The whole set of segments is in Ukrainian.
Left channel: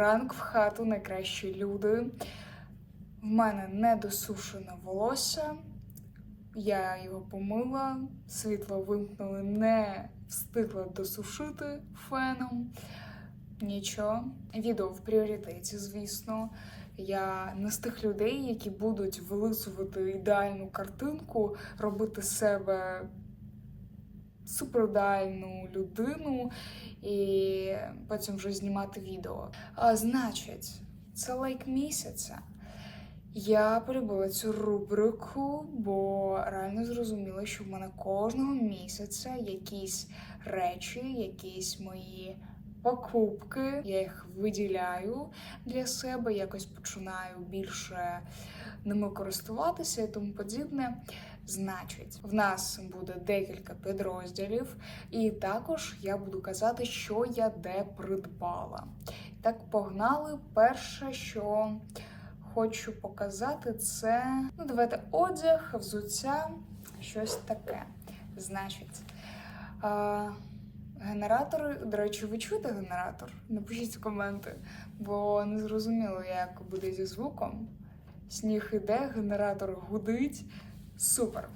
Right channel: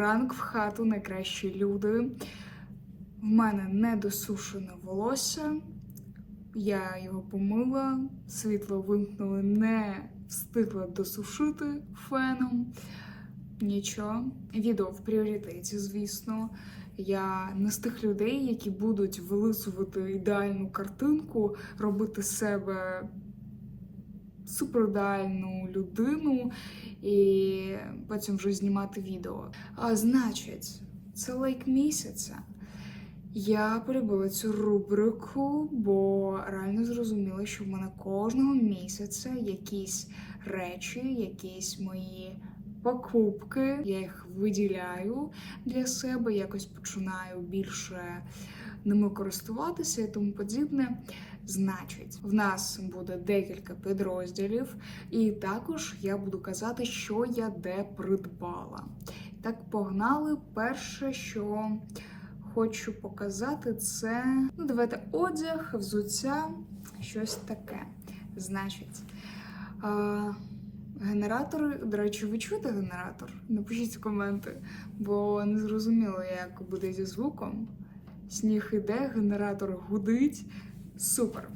ранок в хату, найкращі люди. В мене недосушене волосся. Я його помила, світло вимкнули, не встигла досушити феном. Нічого. Відео в пріоритеті, звісно. Я не з тих людей, які будуть вилисувати ідеальну картинку, робити себе суперідеальну людину і потім вже знімати відео. А значить, це лайк місяця. Я полюбила цю рубрику, бо реально зрозуміла, що в мене кожного місяця якісь речі, якісь мої покупки. Я їх виділяю для себе, якось починаю більше ними користуватися і тому подібне. Значить, в нас буде декілька підрозділів, і також я буду казати, що я де придбала. Так, погнали. Перше, що хочу показати, це ну, давайте одяг, взуття, щось таке. Значить, а, генератори, до речі, ви чуєте генератор? Напишіть коменти, бо не зрозуміло, як буде зі звуком. Сніг іде, генератор гудить. Супер.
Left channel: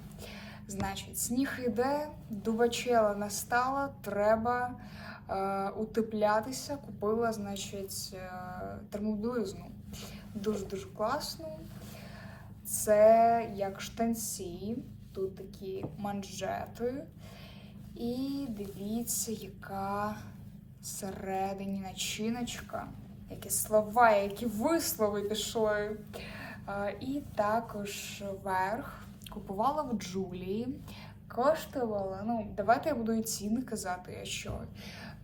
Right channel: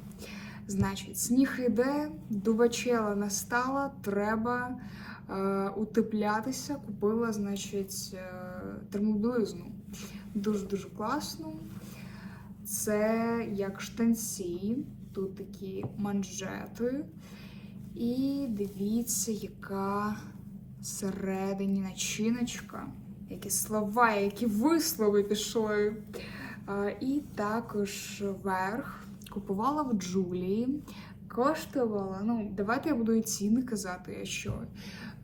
Значить, сніг іде, дубачела настала, треба е, утеплятися. Купила, значить, е, термоблизну. Дуже-дуже класно. Це як штанці, тут такі манжети. І дивіться, яка всередині начиночка. Які слова, які вислови пішли. А, І також верх купувала в Джулії. Коштувала, ну, давайте я буду і ціни казати, що.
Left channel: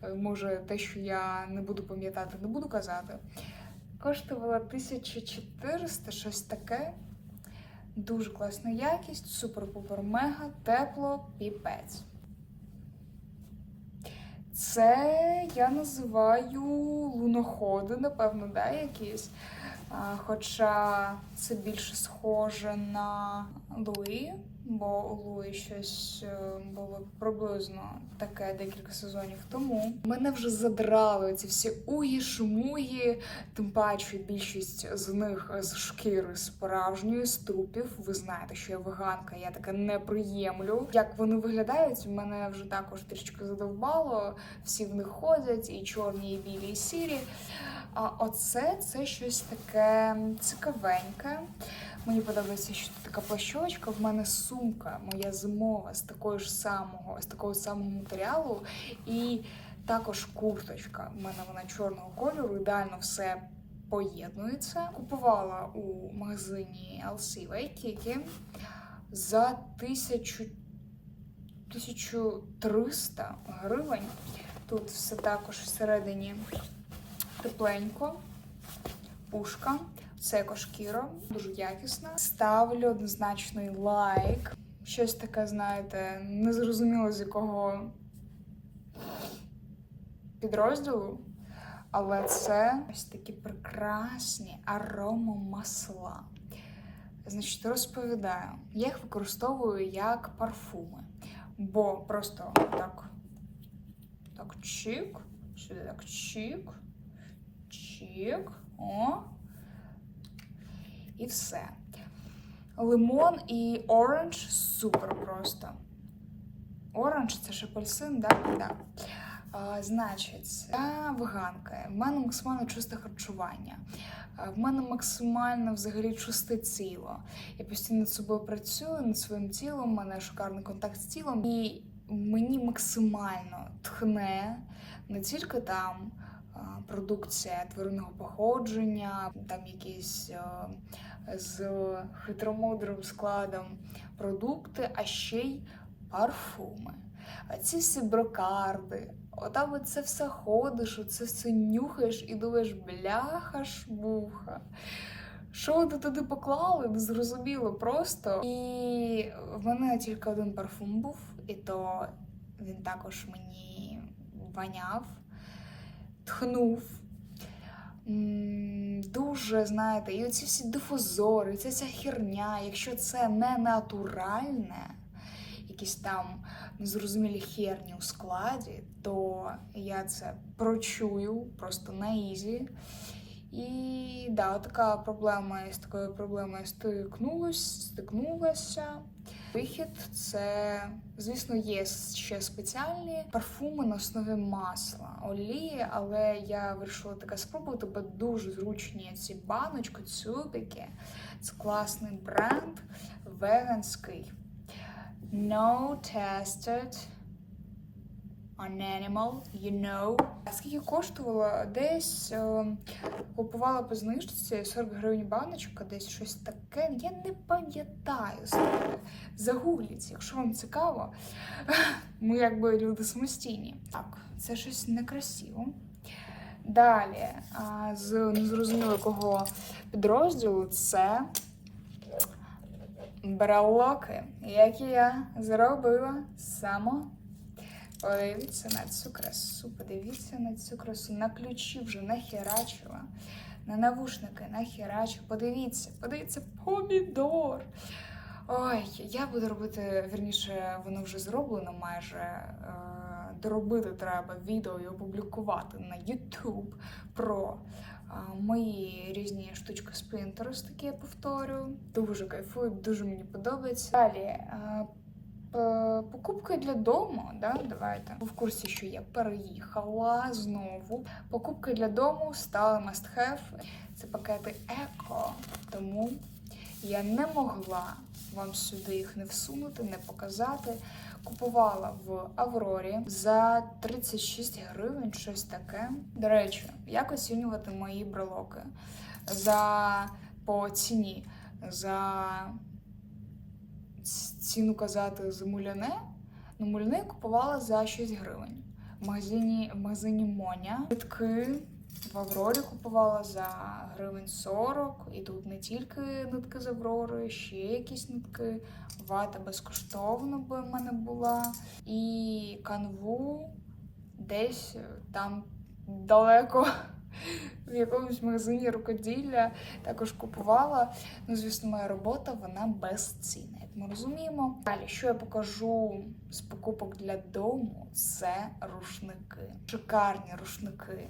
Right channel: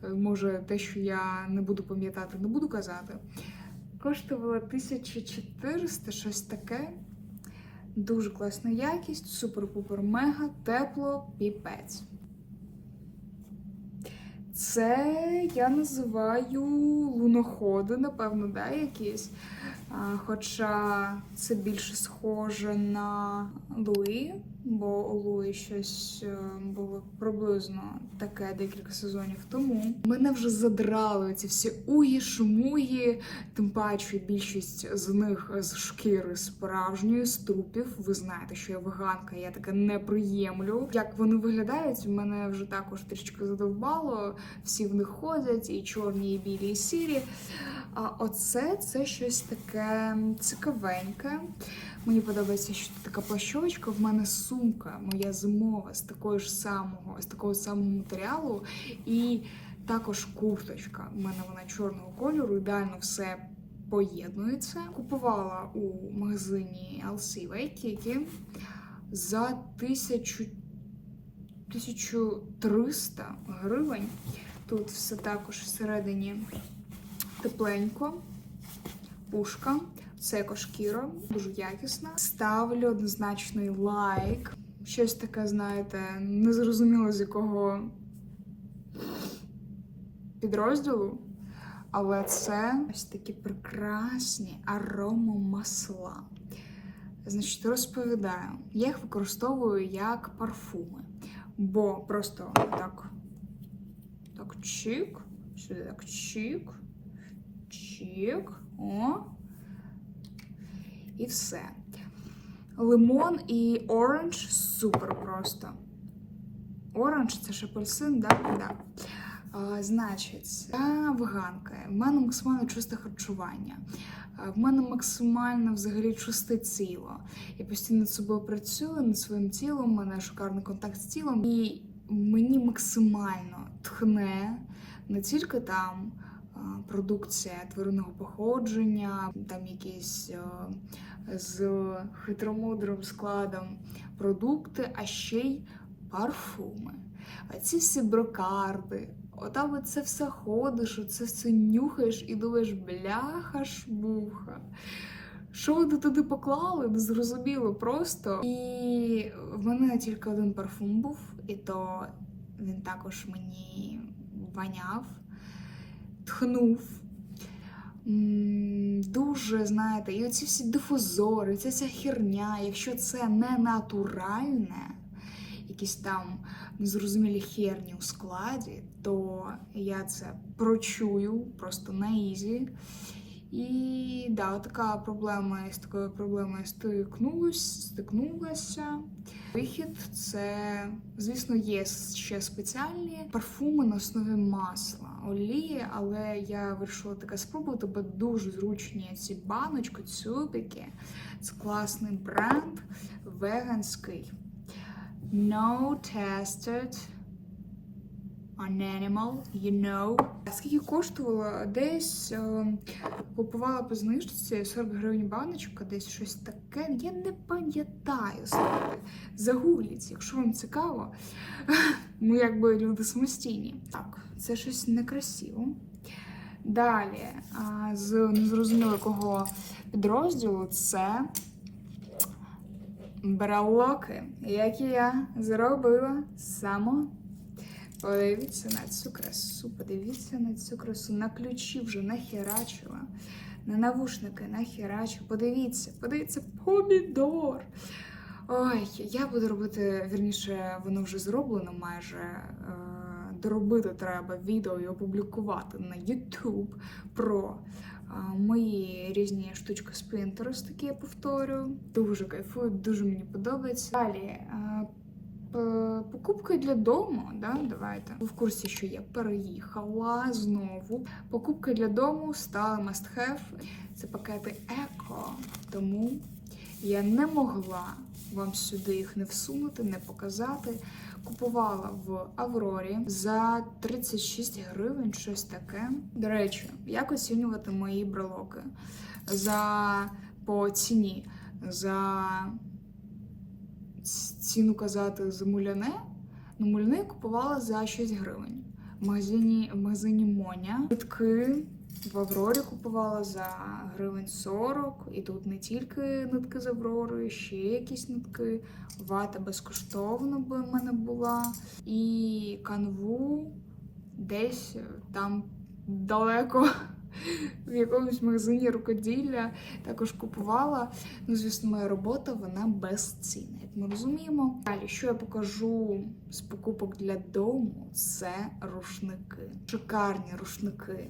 Е, Може, те, що я не буду пам'ятати, не буду казати. Коштувала 1400, щось таке. Дуже класна якість, супер-пупер мега, тепло, піпець. Це я називаю луноходи, напевно, да, якісь. Хоча це більше схоже на Луї, бо у Луї щось е, було приблизно таке декілька сезонів тому. Мене вже задрали ці всі угі, шумугі, тим паче більшість з них з шкіри справжньої, з трупів. Ви знаєте, що я веганка, я таке не приємлю. Як вони виглядають, мене вже також трішки задовбало. Всі в них ходять, і чорні, і білі, і сірі. А оце це щось таке цікавеньке. Мені подобається, що тут така плащовочка. В мене сумка моя зимова з такого ж самого, з такого самого матеріалу. І також курточка. У мене вона чорного кольору, ідеально все поєднується. Купувала у магазині LC Waikiki за 1000 1300 гривень. Тут все також всередині тепленько, пушка, це екошкіра, дуже якісна. Ставлю однозначний лайк. Щось таке, знаєте, не зрозуміло з якого підрозділу. Але це ось такі прекрасні аромамасла. Значить, розповідаю, я їх використовую як парфуми. Бо просто так, так чик, сюди так чик, чик, о. І все. Лимон і оранж супер просто. Оранж це ж апельсин, да? Да. А, значить, я веганка. В мене максимально чисте харчування. В мене максимально взагалі чисте тіло. Я постійно над собою працюю, над своїм тілом, у мене шикарний контакт з тілом. І мені максимально тхне не тільки там продукція тваринного походження, там якісь з хитромудрим складом продукти, а ще й парфуми. Ці всі брокарди, отам от це все ходиш, оце все нюхаєш і думаєш, бляха шмуха. Що вони туди поклали, не зрозуміло просто. І в мене тільки один парфум був, і то він також мені воняв, тхнув. Дуже, знаєте, і оці всі дифузори, ця ця херня, якщо це не натуральне, якісь там незрозумілі херні у складі, то я це прочую просто на ізі. І да, така проблема з такою проблемою стикнулась, стикнулася. Вихід це, звісно, є ще спеціальні парфуми на основі масла, олії, але я вирішила таке спробувати, бо дуже зручні ці баночки, цюбики. Це класний бренд, веганський. No tested on animal, you know. Скільки коштувало? Десь е, купувала по знижці 40 гривень баночка, десь щось таке. Я не пам'ятаю. Загугліть, якщо вам цікаво. Ми якби люди самостійні. Так, це щось некрасиво. Далі, а, з незрозуміло якого підрозділу, це брелоки, які я зробила сама. Подивіться на цю красу, подивіться на цю красу. На ключі вже нахерачила, на навушники нахерачила. Подивіться, подивіться, помідор. Ой, я буду робити, вірніше, воно вже зроблено майже. Е, доробити треба відео і опублікувати на YouTube про е, мої різні штучки з Pinterest, які я повторюю. Дуже кайфую, дуже мені подобається. Далі. Е, Покупки для дому, да, давайте. В курсі, що я переїхала знову. Покупки для дому стали must have. Це пакети еко. Тому я не могла вам сюди їх не всунути, не показати. Купувала в Аврорі за 36 гривень, щось таке. До речі, як оцінювати мої брелоки? За по ціні. За ціну казати за муляне. Ну, муляне купувала за 6 гривень. В магазині, в магазині Моня. Нитки в Аврорі купувала за гривень 40. І тут не тільки нитки з Аврори, ще якісь нитки. Вата безкоштовно би в мене була. І канву десь там далеко. В якомусь магазині рукоділля також купувала. Ну, звісно, моя робота вона безцінна, як ми розуміємо. Далі, що я покажу з покупок для дому, це рушники. Шикарні рушники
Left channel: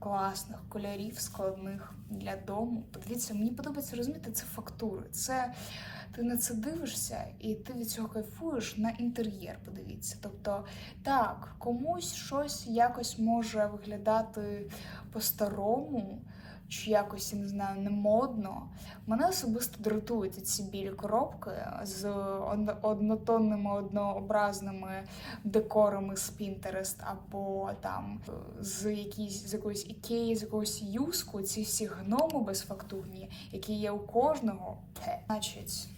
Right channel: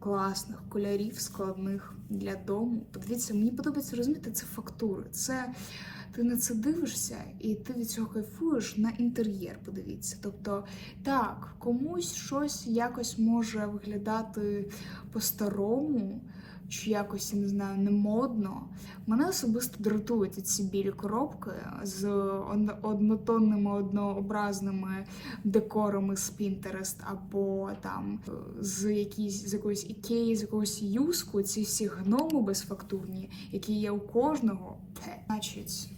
класних кольорів, складних для дому. Подивіться, мені подобається розуміти, це фактури. Це ти на це дивишся, і ти від цього кайфуєш на інтер'єр. Подивіться. Тобто, так, комусь щось якось може виглядати по-старому, чи якось, я не знаю, не модно. Мене особисто дратують ці білі коробки з од- однотонними, однообразними декорами з Pinterest або там з якісь з якоїсь ікеї, з якогось юску, ці всі гноми безфактурні, які є у кожного. Значить,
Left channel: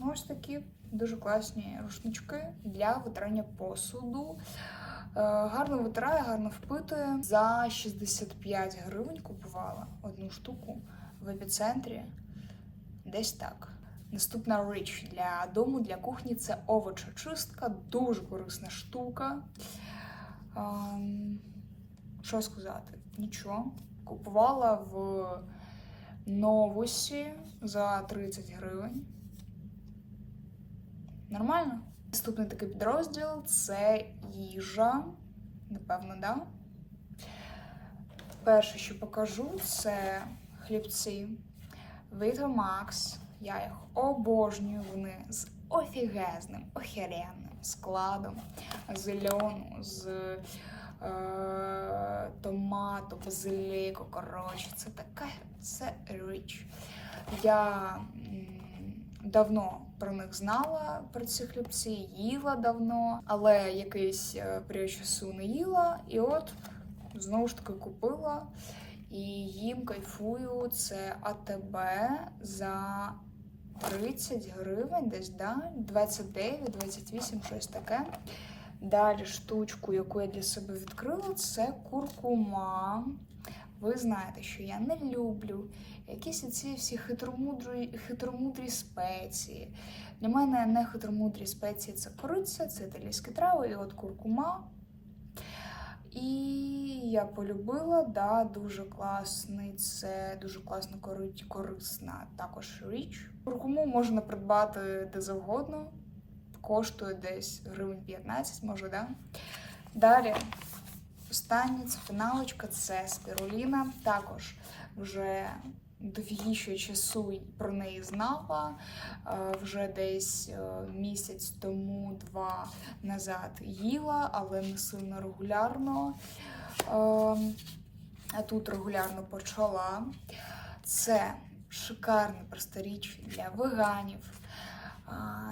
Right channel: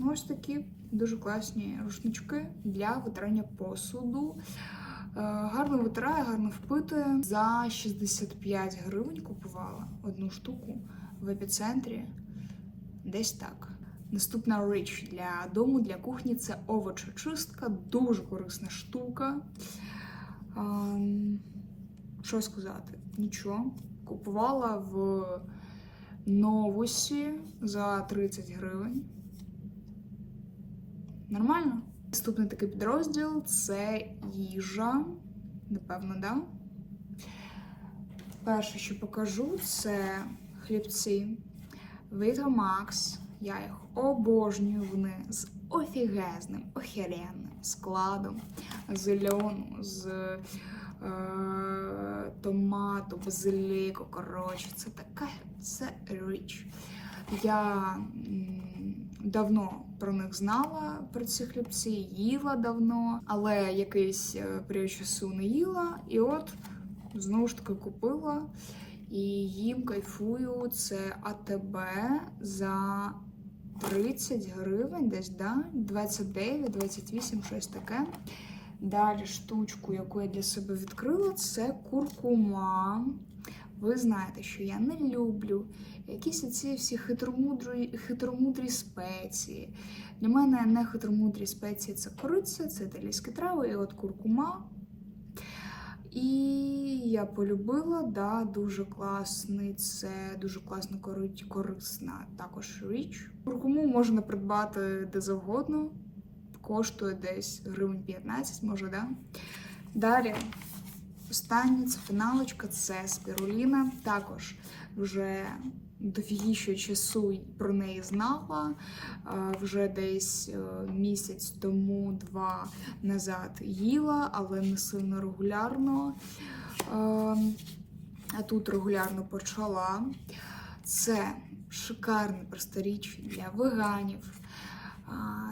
ну, ось такі дуже класні рушнички для витирання посуду. Е, Гарно витирає, гарно впитує. За 65 гривень купувала одну штуку в епіцентрі. Десь так. Наступна річ для дому, для кухні це овочечистка, дуже корисна штука. Ем, Що сказати? Нічого. Купувала в новусі за 30 гривень. Нормально? Наступний такий підрозділ це їжа. Напевно, да? Перше, що покажу, це хлібці Vito Max. Я їх обожнюю. Вони з офігезним, охеренним складом з льону, з е, томату, базиліку. Коротше, це така це річ. Я давно про них знала, про ці хлібці, їла давно, але якийсь е, період часу не їла. І от знову ж таки купила. І їм кайфую це АТБ за 30 гривень, десь, да? 29, 28, щось таке. Далі штучку, яку я для себе відкрила, це куркума. Ви знаєте, що я не люблю якісь оці всі хитромудрі, хитромудрі спеції. Для мене не хитромудрі спеції це кориця, це італійські трави і от куркума. І я полюбила, да, дуже класний, це дуже класно кори- корисна також річ. Куркуму можна придбати де завгодно, коштує десь гривень 15, може, да? Далі останнє це фіналочка, це спіруліна. Також вже дофігіше часу про неї знала. Е, Вже десь е, місяць тому, два назад їла, але не сильно регулярно. Е, А тут регулярно почала. Це шикарне просто для веганів.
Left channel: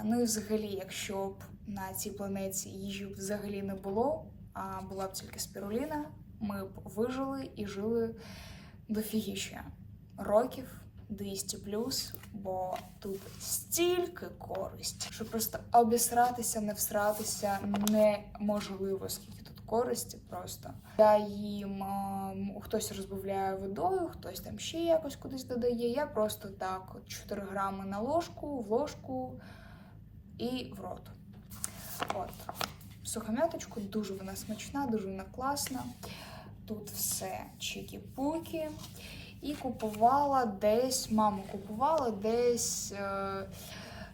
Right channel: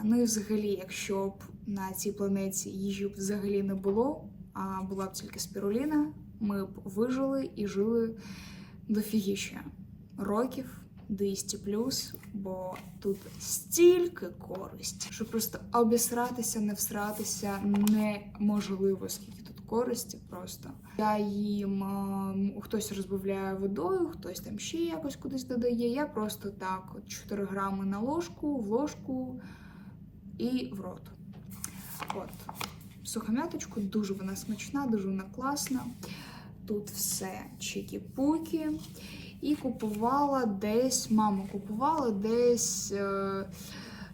Ну і взагалі, якщо б на цій планеті їжі взагалі не було, була б тільки спіруліна, ми б вижили і жили дофігіще років 200 плюс, бо тут стільки користі, що просто обісратися, не всратися неможливо, скільки тут користі просто. Я їм ем, хтось розбавляє водою, хтось там ще якось кудись додає. Я просто так, от 4 грами на ложку, в ложку і в рот. От. Сухомяточку, дуже вона смачна, дуже вона класна. Тут все чики-пуки. І купувала десь, мама купувала десь. Е,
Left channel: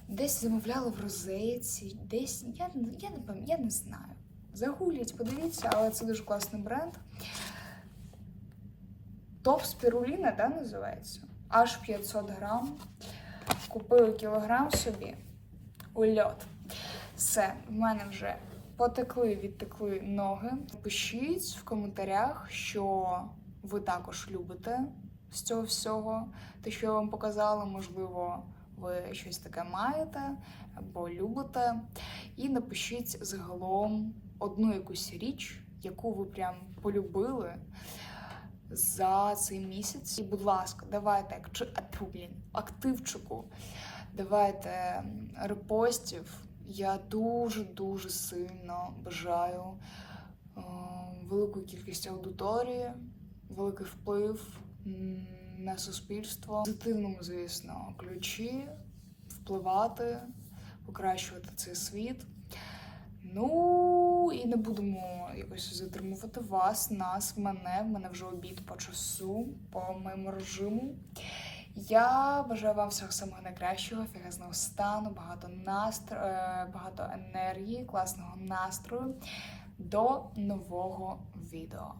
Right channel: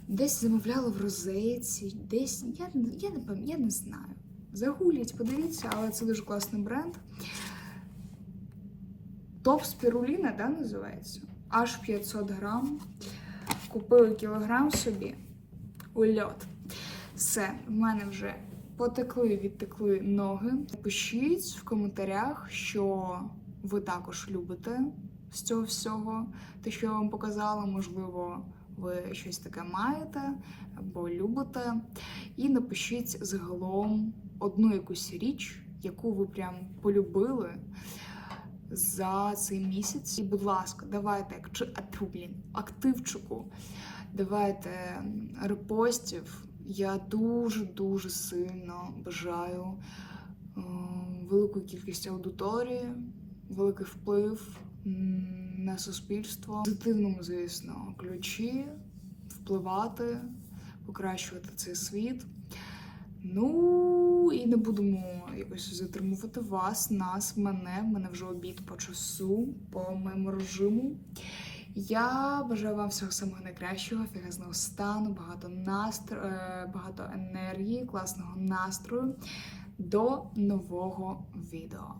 десь замовляла в розетці, десь. Я, я, не я не знаю. Загулять, подивіться, але це дуже класний бренд. Топ спіруліна, да, називається? Аж 500 грам. Купила кілограм собі. Ульот. Все, в мене вже потекли, відтекли ноги. Пишіть в коментарях, що ви також любите з цього всього. Те, що я вам показала, можливо, ви щось таке маєте або любите. І напишіть загалом одну якусь річ, яку ви прям полюбили за цей місяць. І, будь ласка, давайте блін, активчику, давайте репостів. Я дуже дуже сильно бажаю е, велику кількість аудиторії, великий вплив на суспільство, позитивному, звісно, ключі, впливати, покращувати цей світ. Ну і не будемо якось затримувати вас, нас, мене. В мене вже обід по часу, по моєму режиму. Я бажаю вам всього самого найкращого, фігазного стану, багато настро... е, багато енергії, класного настрою. До нового відео.